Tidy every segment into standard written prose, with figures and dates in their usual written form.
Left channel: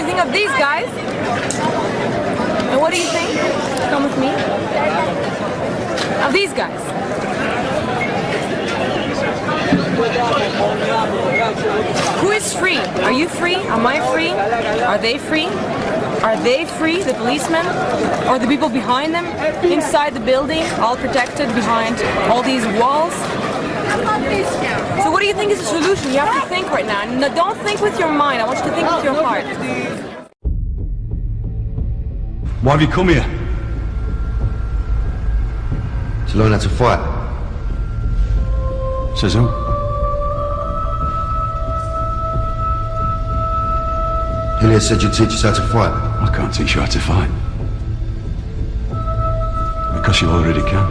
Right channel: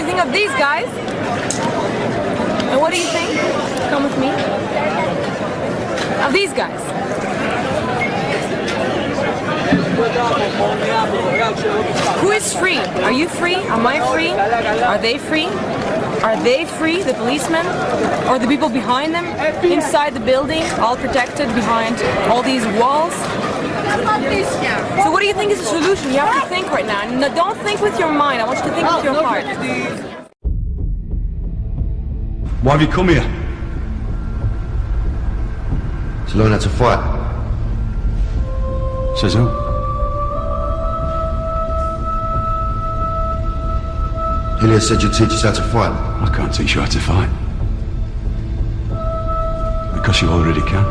you think of these guys? And what do you think? Come with me. Of these guys. Who is free? Are you free? Am I free? Are they free? Are they free, the policemen? Or the people behind them? Inside the building, all protected behind all these walls? So what do you think is the solution? You have to think right now. No, don't think with your mind. I want you to think with your heart. Why have you come here? To learn how to fight. Says who? Collier said you'd teach us how to fight. I can't teach you how to fight. Because you already can.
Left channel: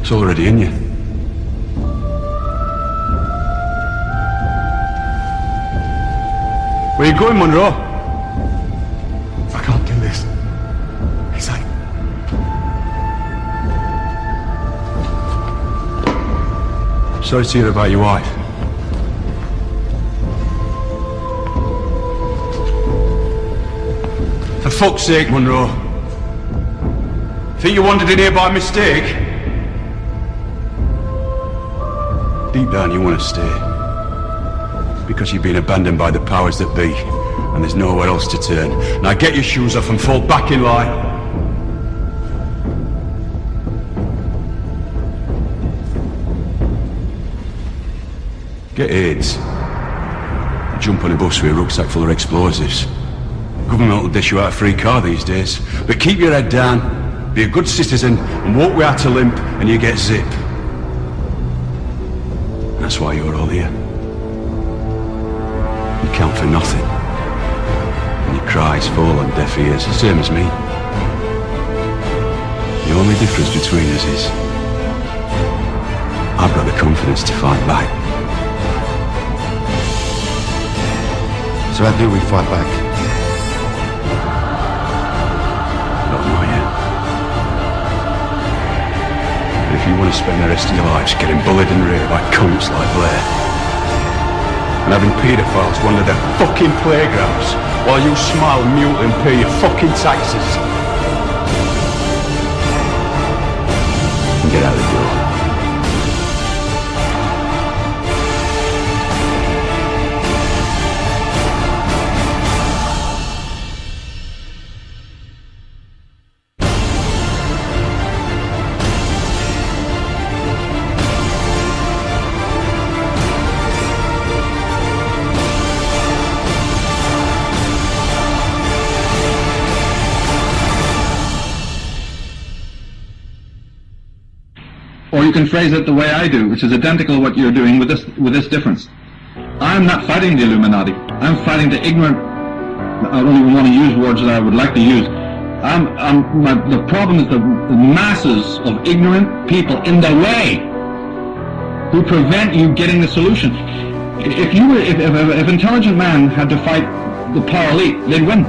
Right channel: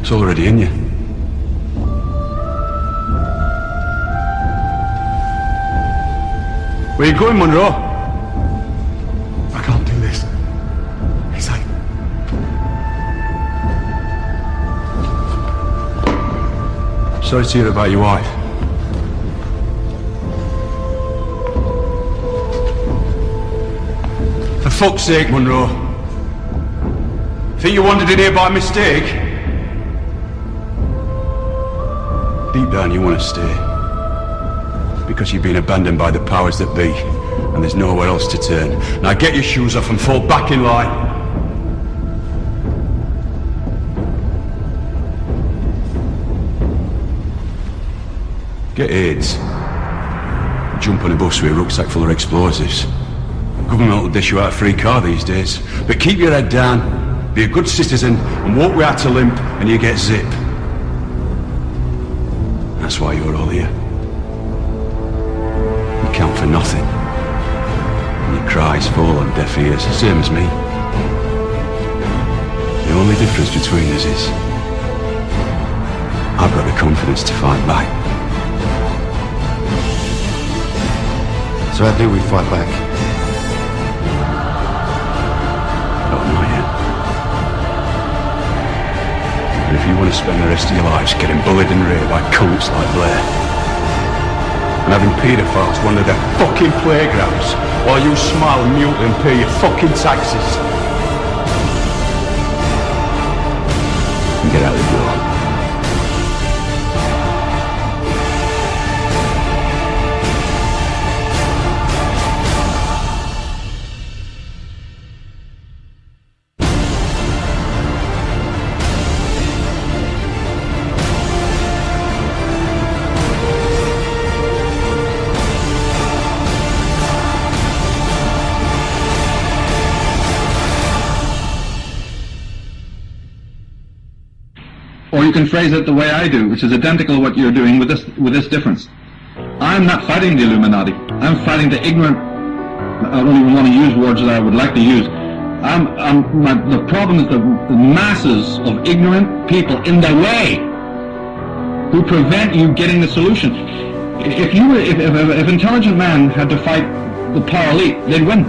It's already in you. Where you going, Monroe? I can't do this. He's like... Sorry to hear about your wife. For fuck's sake, Monroe. Think you wandered in here by mistake? Deep down you want to stay. Because you've been abandoned by the powers that be, and there's nowhere else to turn. Now get your shoes off and fall back in line. Get AIDS. Jump on a bus with a rucksack full of explosives. Government will dish you out a free car these days. But keep your head down, be a good citizen, and walk without a limp, and you get zip. That's why you're all here. You count for nothing. And your cries fall on deaf ears, same as me. The only difference between us is I've got the confidence to fight back. So how do we fight back? I don't know yet. But if you want to spend the rest of your lives getting bullied and raped by cunts like Blair, and having paedophiles wander their fucking playgrounds while you smile mutely and pay your fucking taxes, and get out the door. Or you can phrase it the way I do, which is identical to what you're doing with this difference. I'm not fighting the Illuminati. I'm fighting the ignorant. I don't even want to use words that I would like to use. The problem is the masses of ignorant people in the way who prevent you getting the solution. If intelligent man had to fight the power elite, they'd win.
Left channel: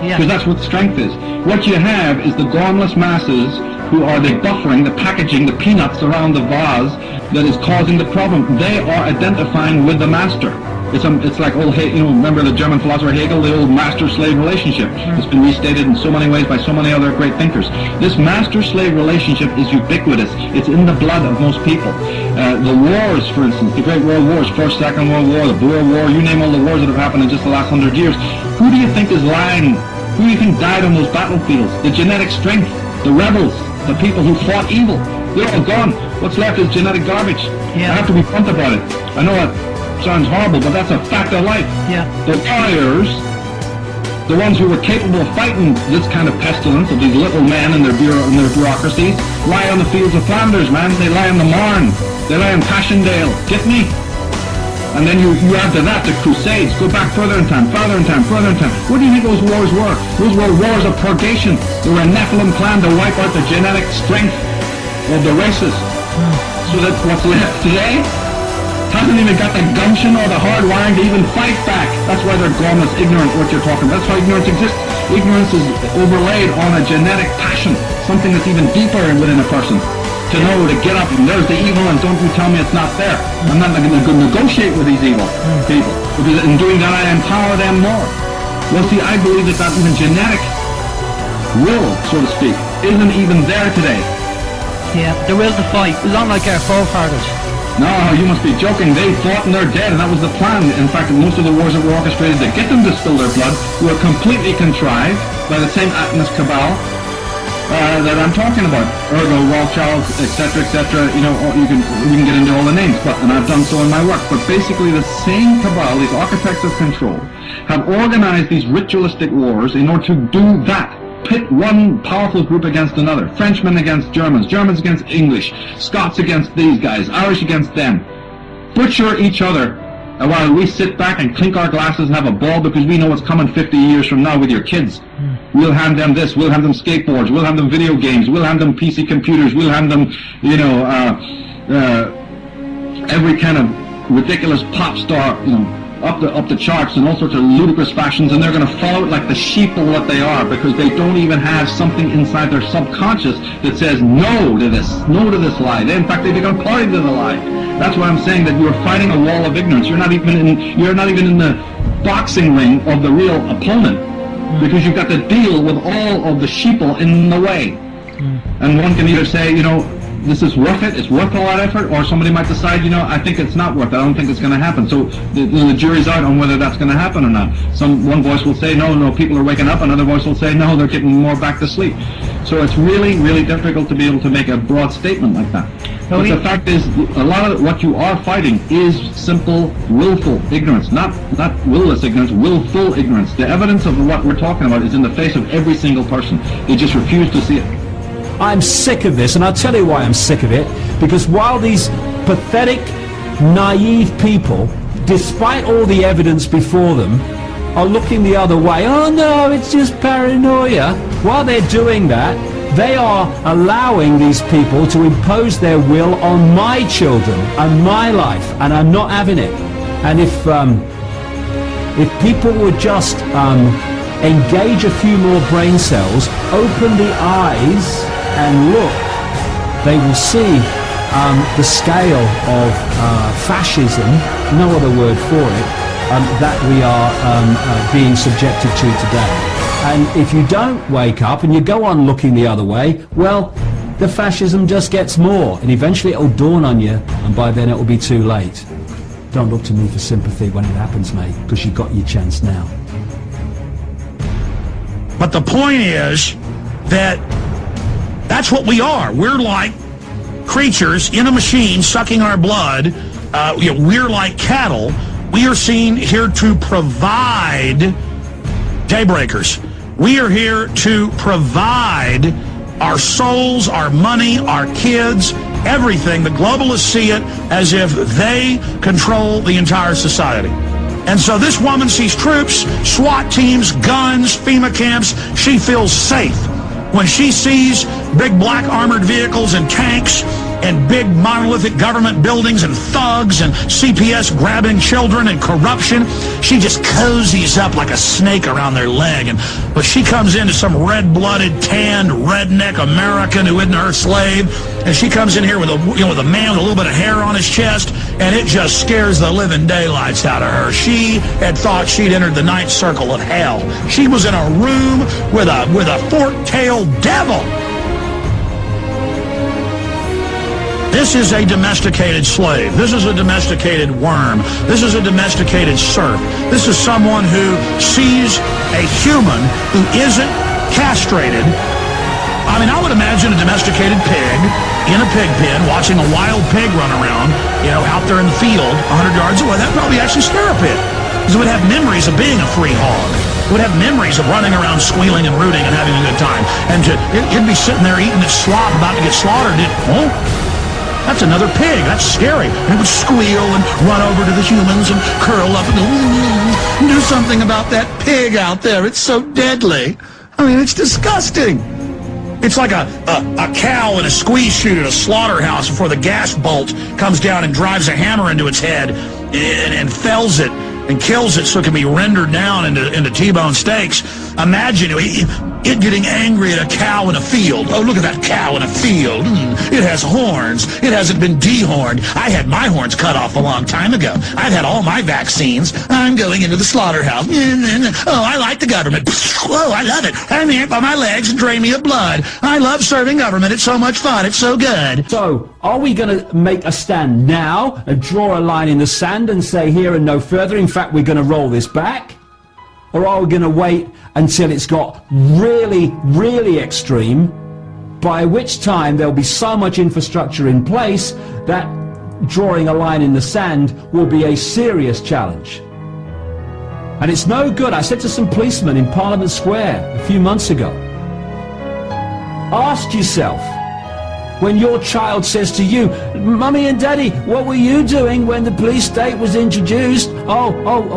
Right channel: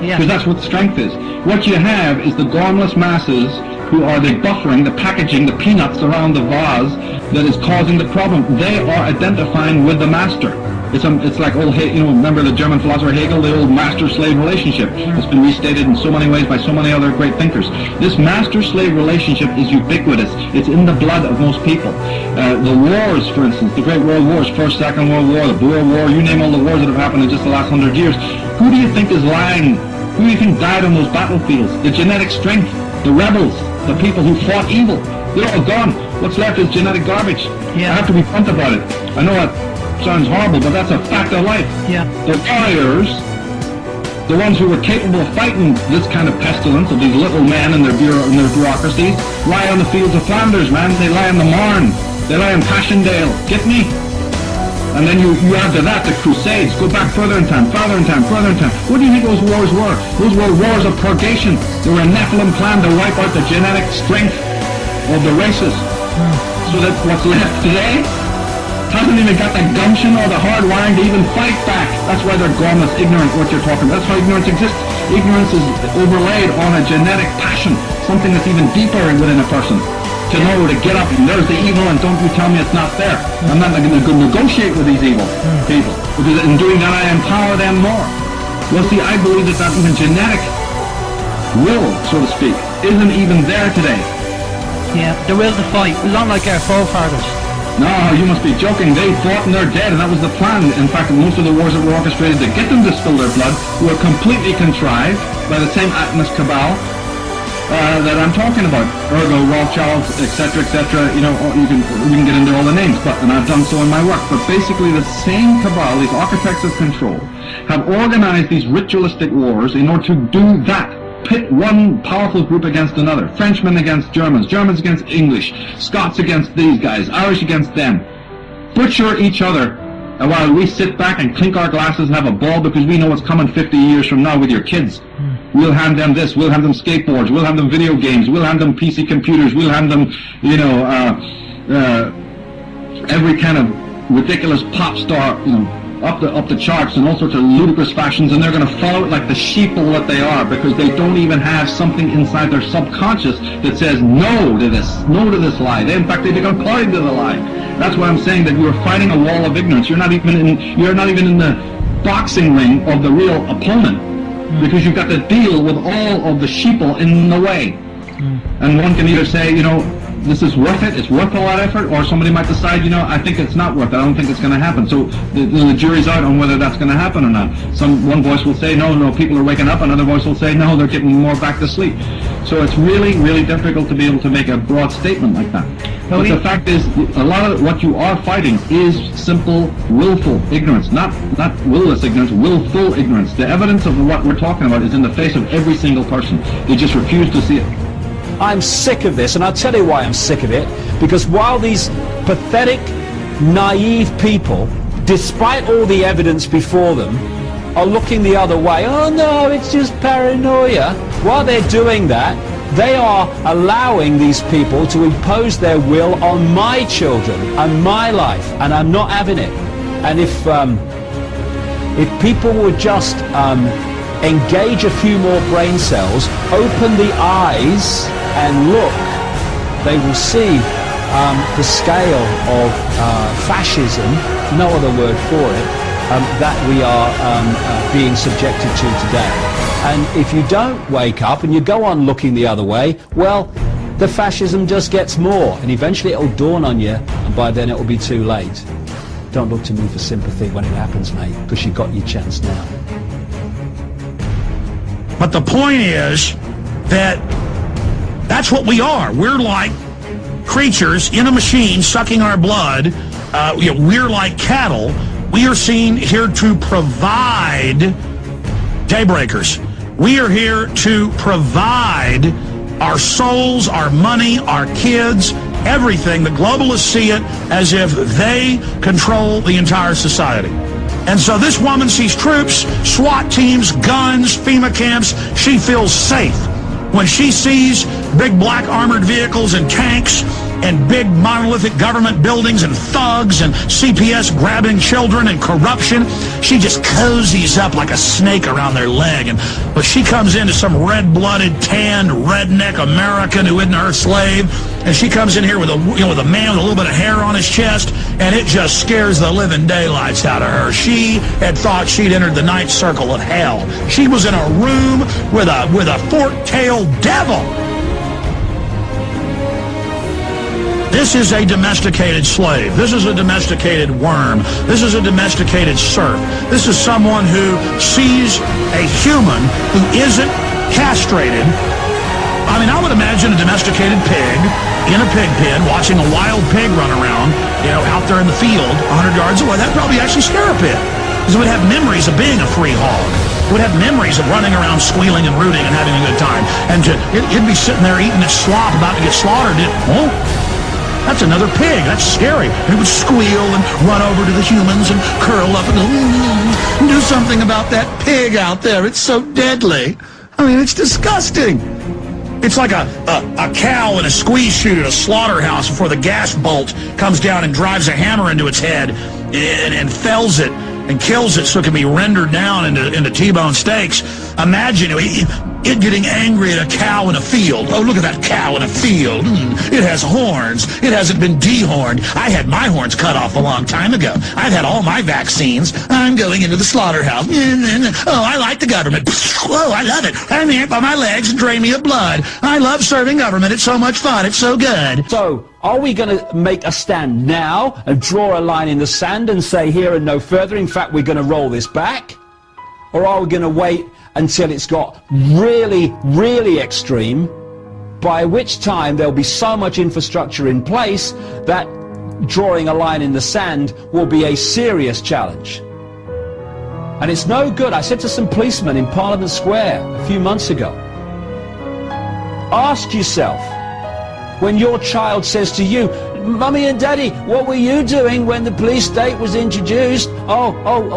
Because that's what strength is. What you have is the gormless masses who are the buffering, the packaging, the peanuts around the vase that is causing the problem. They are identifying with the master. It's like old, remember the German philosopher Hegel, the old master-slave relationship. It's been restated in so many ways by so many other great thinkers. This master-slave relationship is ubiquitous. It's in the blood of most people. The wars, for instance, the great world wars, First, Second World War, the Boer War, you name all the wars that have happened in just the last 100 years. Who do you think is lying? Who do you think died on those battlefields? The genetic strength, the rebels, the people who fought evil. They're all gone. What's left is genetic garbage. I have to be blunt about it. I know that sounds horrible, but that's a fact of life. The warriors, the ones who were capable of fighting this kind of pestilence of these little men and their bureaucracies, lie on the fields of Flanders, man. They lie in the Marne. They lie in Passchendaele. Get me? And then you add to that the Crusades. Go back further in time, further in time, further in time. What do you think those wars were? Those were wars of purgation. They were a Nephilim plan to wipe out the genetic strength of the races. So that what's left today hasn't even got the gumption or the hard wiring to even fight back. That's why they're gormless, ignorant what you're talking about. That's how ignorance exists. Ignorance is overlaid on a genetic passion, something that's even deeper within a person. to know to get up and there's the evil and don't you tell me it's not there. I'm not going to negotiate with these evil people, because in doing that I empower them more. Well, see, I believe that even genetic will, so to speak, isn't even there today. Yeah, the will to fight, not like our forefathers. No, you must be joking. They fought and they're dead, and that was the plan. In fact, most of the wars that were orchestrated to get them to spill their blood were completely contrived by the same Atlas cabal that I'm talking about. Ergo, Rothschilds, etc., etc. You know, we can get into all the names, and I've done so in my work. But basically, the same cabal, these architects of control, have organized these ritualistic wars in order to do that. Pit one powerful group against another. Frenchmen against Germans, Germans against English, Scots against these guys, Irish against them. Butcher each other while we sit back and clink our glasses and have a ball because we know what's coming 50 years from now with your kids. We'll hand them this, we'll hand them skateboards, we'll hand them video games, we'll hand them PC computers, we'll hand them, you know, every kind of ridiculous pop star, you know, up the charts in all sorts of ludicrous fashions, and they're going to follow it like the sheeple that they are, because they don't even have something inside their subconscious that says no to this lie. In fact, they become party to the lie. That's why I'm saying that you're fighting a wall of ignorance. You're not even in the boxing ring of the real opponent, because you've got to deal with all of the sheeple in the way. And one can either say, you know, this is worth it, it's worth a lot of effort, or somebody might decide, you know, I think it's not worth it, I don't think it's going to happen. So the jury's out on whether that's going to happen or not. One voice will say, no, people are waking up, another voice will say, no, they're getting more back to sleep. So it's really, really difficult to be able to make a broad statement like that. But the fact is, a lot of what you are fighting is simple, willful ignorance, not willless ignorance, willful ignorance. The evidence of what we're talking about is in the face of every single person. They just refuse to see it. I'm sick of this, and I'll tell you why I'm sick of it. Because while these pathetic, naive people, despite all the evidence before them, are looking the other way, oh no, it's just paranoia. While they're doing that, they are allowing these people to impose their will on my children and my life, and I'm not having it. And if people would just engage a few more brain cells, open the eyes and look, they will see the scale of fascism, no other word for it, that we are being subjected to today. And if you don't wake up and you go on looking the other way, well, the fascism just gets more, and eventually it'll dawn on you, and by then it'll be too late. Don't look to me for sympathy when it happens, mate, because you got your chance now. But the point is that that's what we are. We're like creatures in a machine sucking our blood. We're like cattle. We are seen here to provide daybreakers. We are here to provide our souls, our money, our kids, everything. The globalists see it as if they control the entire society. And so this woman sees troops, SWAT teams, guns, FEMA camps. She feels safe. When she sees big black armored vehicles and tanks and big monolithic government buildings and thugs and CPS grabbing children and corruption, she just cozies up like a snake around their leg. But she comes into some red-blooded, tanned, redneck American who isn't her slave, and she comes in here with a man with a little bit of hair on his chest, and it just scares the living daylights out of her. She had thought she'd entered the ninth circle of hell. She was in a room with a fork-tailed devil. This is a domesticated slave. This is a domesticated worm. This is a domesticated serf. This is someone who sees a human who isn't castrated. I mean, I would imagine a domesticated pig in a pig pen watching a wild pig run around, out there in the field 100 yards away. That'd probably actually scare a pig, because it would have memories of being a free hog. It would have memories of running around squealing and rooting and having a good time. And it'd be sitting there eating its slop about to get slaughtered. That's another pig. That's scary. And it would squeal and run over to the humans and curl up and go, do something about that pig out there. It's so deadly. I mean, it's disgusting. It's like a cow in a squeeze chute at a slaughterhouse before the gas bolt comes down and drives a hammer into its head and fells it and kills it so it can be rendered down into T-bone steaks. Imagine, it getting angry at a cow in a field. Oh, look at that cow in a field. It has horns. It hasn't been dehorned. I had my horns cut off a long time ago. I've had all my vaccines. I'm going into the slaughterhouse. Oh, I like the government. Oh, I love it. I'm here by my legs and drain me of blood. I love serving government. It's so much fun. It's so good. So, are we going to make a stand now and draw a line in the sand and say here and no further? In fact, we're going to roll this back? Or are we going to wait until it's got really, really extreme, by which time there'll be so much infrastructure in place that drawing a line in the sand will be a serious challenge? And it's no good. I said to some policemen in Parliament Square a few months ago, ask yourself, when your child says to you, Mummy and Daddy, what were you doing when the police state was introduced? Oh,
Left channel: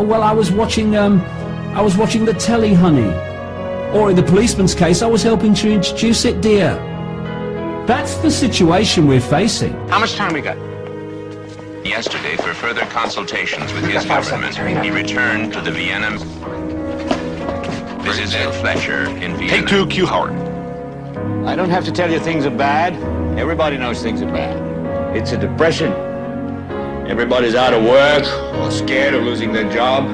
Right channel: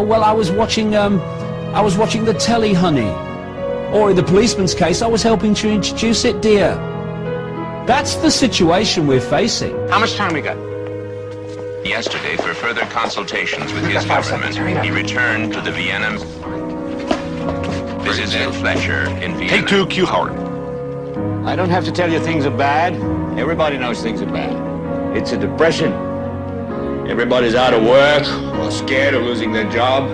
well, I was watching the telly, honey. Or in the policeman's case, I was helping to introduce it, dear. That's the situation we're facing. How much time we got? Yesterday, for further consultations with his government, he returned to the Vienna. This is Ed Fletcher in Vienna. Take 2, Q Howard. I don't have to tell you things are bad. Everybody knows things are bad. It's a depression. Everybody's out of work or scared of losing their job.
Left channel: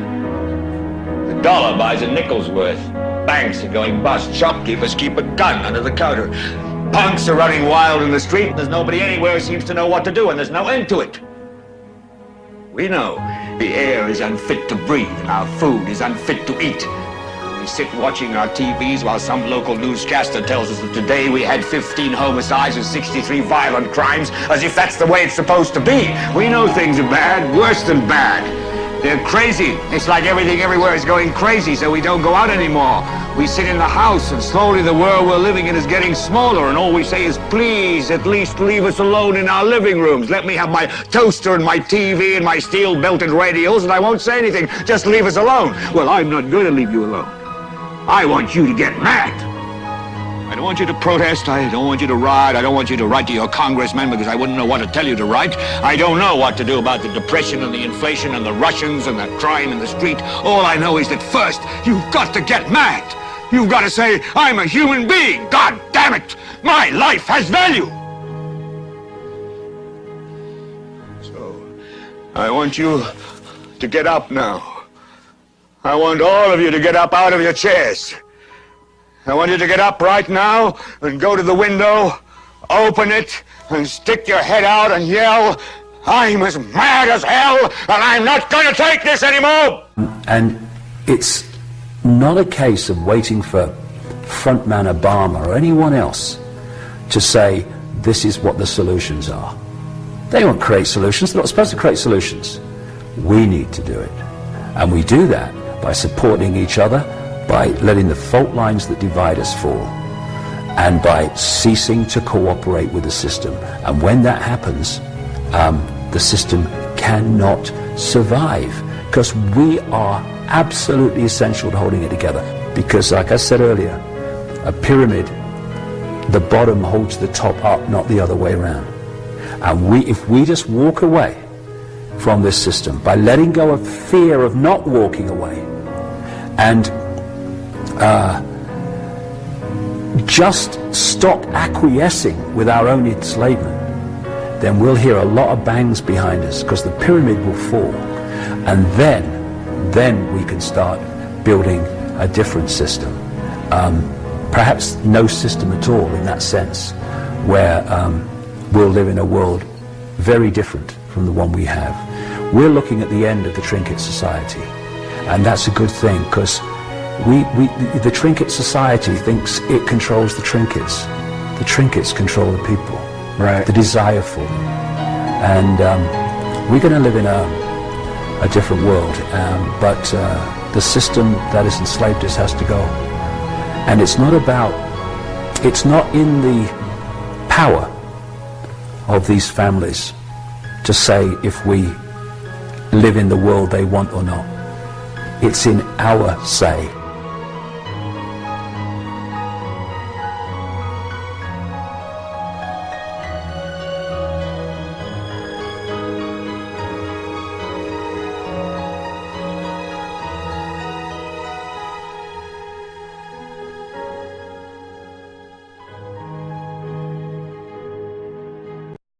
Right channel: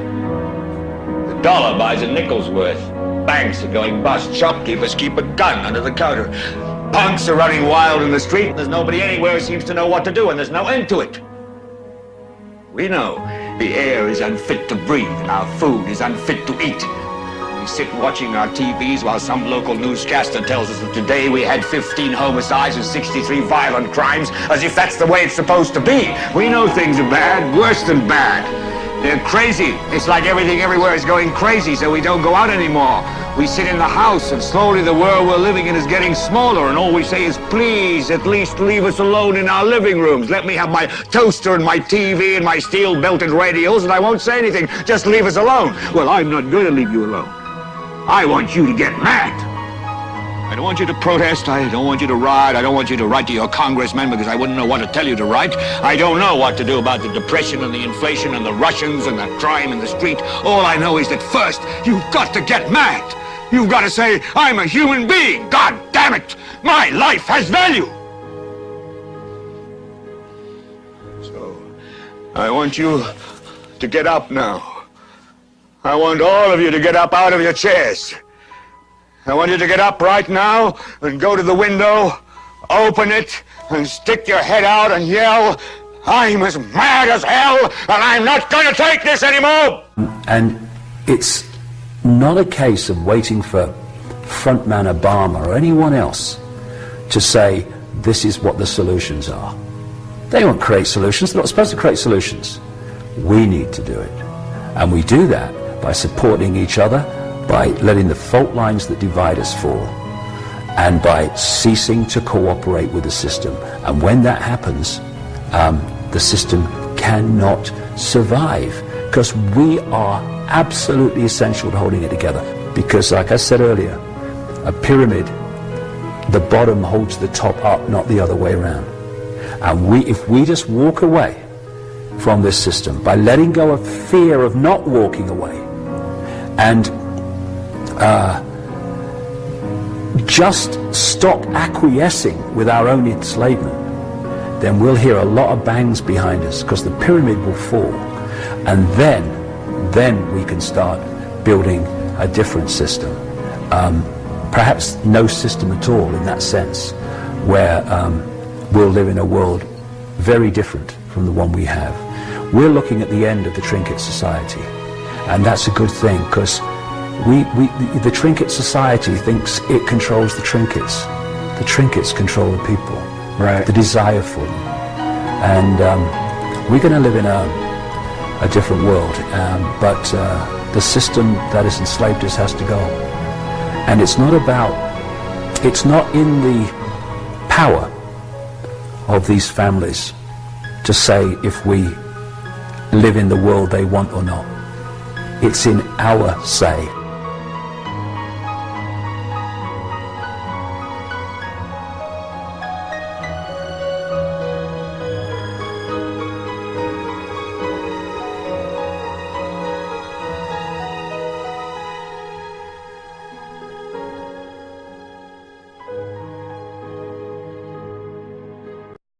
The dollar buys a nickel's worth. Banks are going bust. Shopkeepers keep a gun under the counter. Punks are running wild in the street. There's nobody anywhere who seems to know what to do, and there's no end to it. We know the air is unfit to breathe, and our food is unfit to eat. We sit watching our TVs while some local newscaster tells us that today we had 15 homicides and 63 violent crimes, as if that's the way it's supposed to be. We know things are bad, worse than bad. They're crazy. It's like everything everywhere is going crazy, so we don't go out anymore. We sit in the house, and slowly the world we're living in is getting smaller, and all we say is, please, at least leave us alone in our living rooms. Let me have my toaster and my TV and my steel-belted radios, and I won't say anything. Just leave us alone. Well, I'm not going to leave you alone. I want you to get mad. I don't want you to protest. I don't want you to riot. I don't want you to write to your congressman because I wouldn't know what to tell you to write. I don't know what to do about the depression and the inflation and the Russians and the crime in the street. All I know is that first, you've got to get mad. You've got to say, I'm a human being. God damn it. My life has value. So, I want you to get up now. I want all of you to get up out of your chairs. I want you to get up right now and go to the window, open it, and stick your head out and yell, I'm as mad as hell, and I'm not going to take this anymore! And it's not a case of waiting for frontman Obama or anyone else to say, this is what the solutions are. They won't create solutions. They're not supposed to create solutions. We need to do it. And we do that by supporting each other, by letting the fault lines that divide us fall, and by ceasing to cooperate with the system. And when that happens, the system cannot survive, because we are absolutely essential to holding it together. Because, like I said earlier, a pyramid, the bottom holds the top up, not the other way around. And if we just walk away from this system by letting go of fear of not walking away, and just stop acquiescing with our own enslavement, then we'll hear a lot of bangs behind us, because the pyramid will fall, and then we can start building a different system. Perhaps no system at all in that sense, where we'll live in a world very different from the one we have. We're looking at the end of the trinket society, and that's a good thing, because the trinket society thinks it controls the trinkets. The trinkets control the people, right? The desire for them. And we're going to live in a different world, but the system that has enslaved us has to go. And it's not in the power of these families to say if we live in the world they want or not. It's in our say.